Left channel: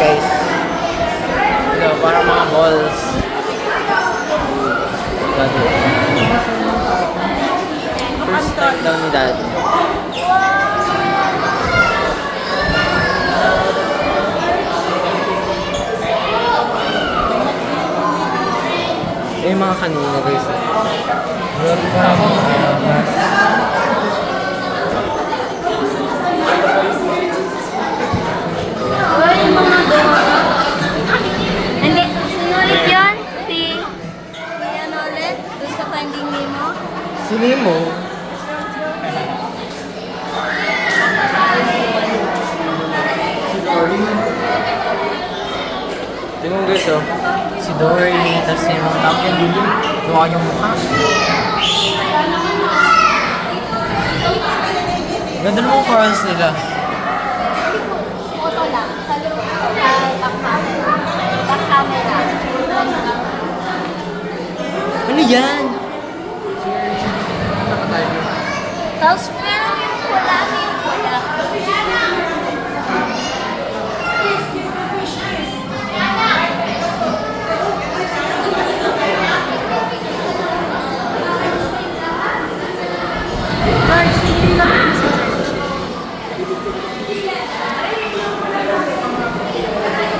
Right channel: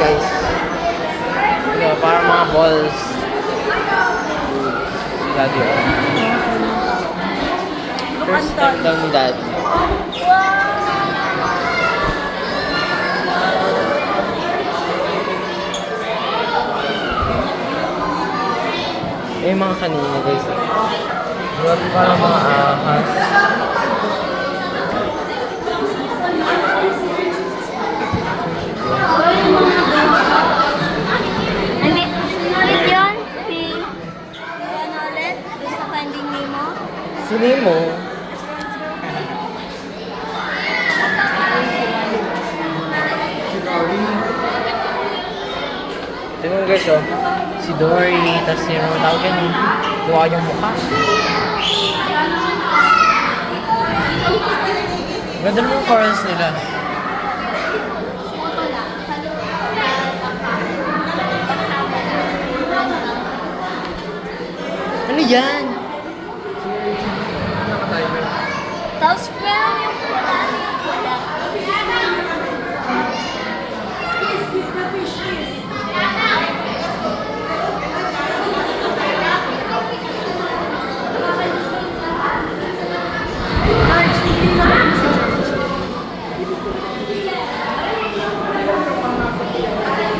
guys. Ito, para mga balls. Daddy. First time daw ni Daddy. Eh, mga kanina guys. Grabe pa mga ahas. Ay, mga hindi, sinulit yun? Si ano ulit? Dun sa Finding Nemo? Si Nemo. Tingnan mo guys oh. Si Dory, tapos yung tawag yan eh. Luwa yung mukha. Ganda naman chorus nila. Photo lang. Sa loob. Back camera. Ano yan? Tapos meron yung pula. George, hindi na ba si George?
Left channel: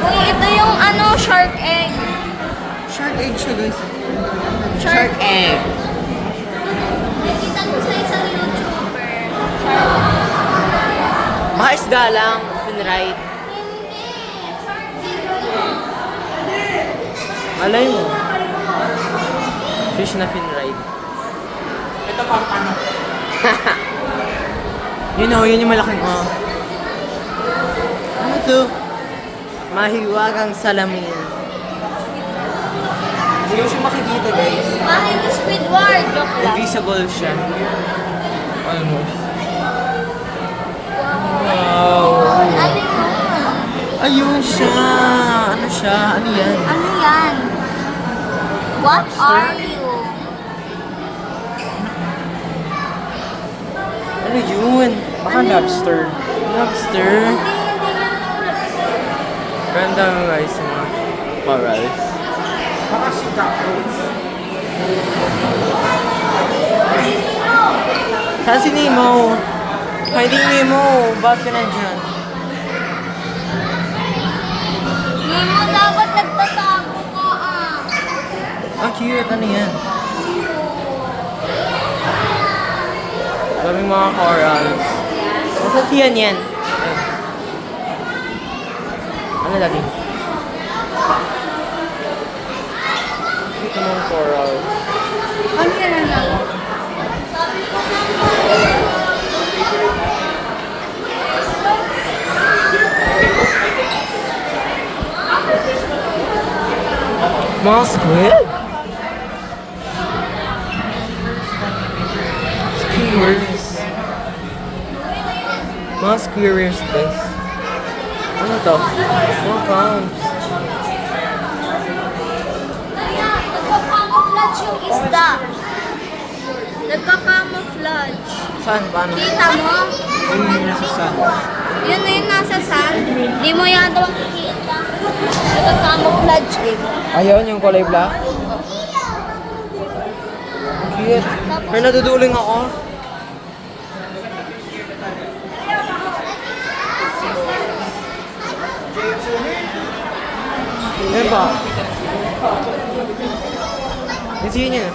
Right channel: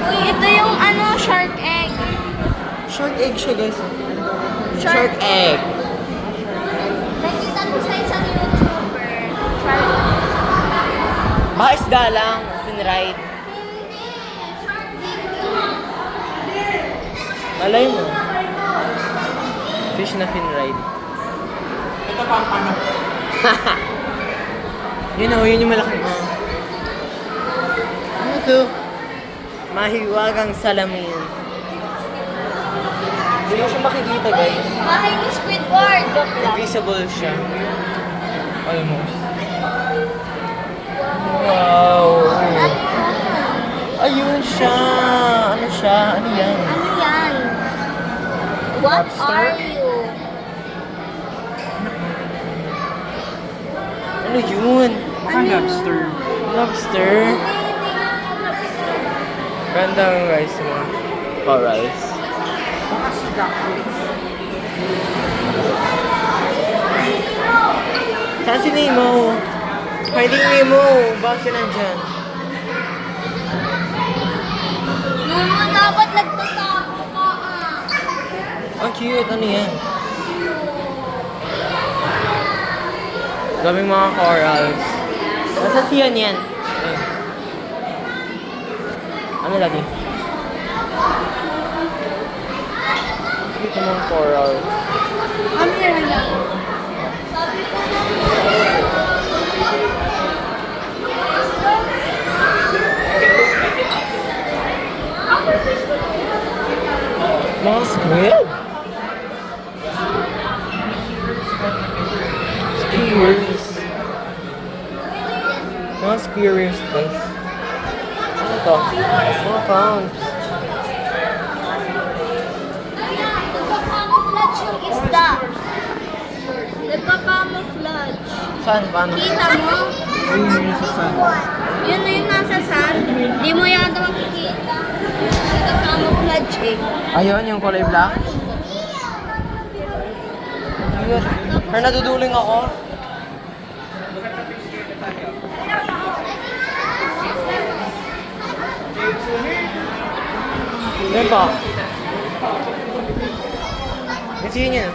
Uy, ito yung ano, shark egg. Shark egg siya guys. Shark egg. Nakita ko sa isang YouTuber. Baka isda lang. Finride. Hindi. Shark egg. Malay mo. Fish na finride. Ito pa ang ano. Yun o, yun yung malaking Ano to? Mahiwagang salamin. Hindi mo siya makikita guys. Bakit yung Squidward? Joke lang. Invisible siya. Ayun o. Wow. Ano yun? Ayun siya. Ano siya? Ano yan? Ano yan? What Lobster? are you? Ano yun? Baka Ano yun? lobster. Lobster? Ganda guys yung mga corals. Baka si cockroach. Saan si Nemo? Finding Nemo! Bakit ka nandyan? Nemo, dapat nagtatago ka Ang cute. Ano yan? Daming mga corals. Nasa siyan yan? Ano lagi? Cute mga corals. Ano yan lang? Mga squid? Skewers. Mga skewers, guys. Ano to? Mga clams. Nagka-camouflage yung isda. Nagka-camouflage. Saan? Paano? Kita mo? Ayun yung sa sun. Yun na yung nasa sand. Di mo yan daw makikita. Nagka-camouflage eh. Ayun, yung kulay black. Ang cute. May naduduling ako. Yan pa. Yan siya niya.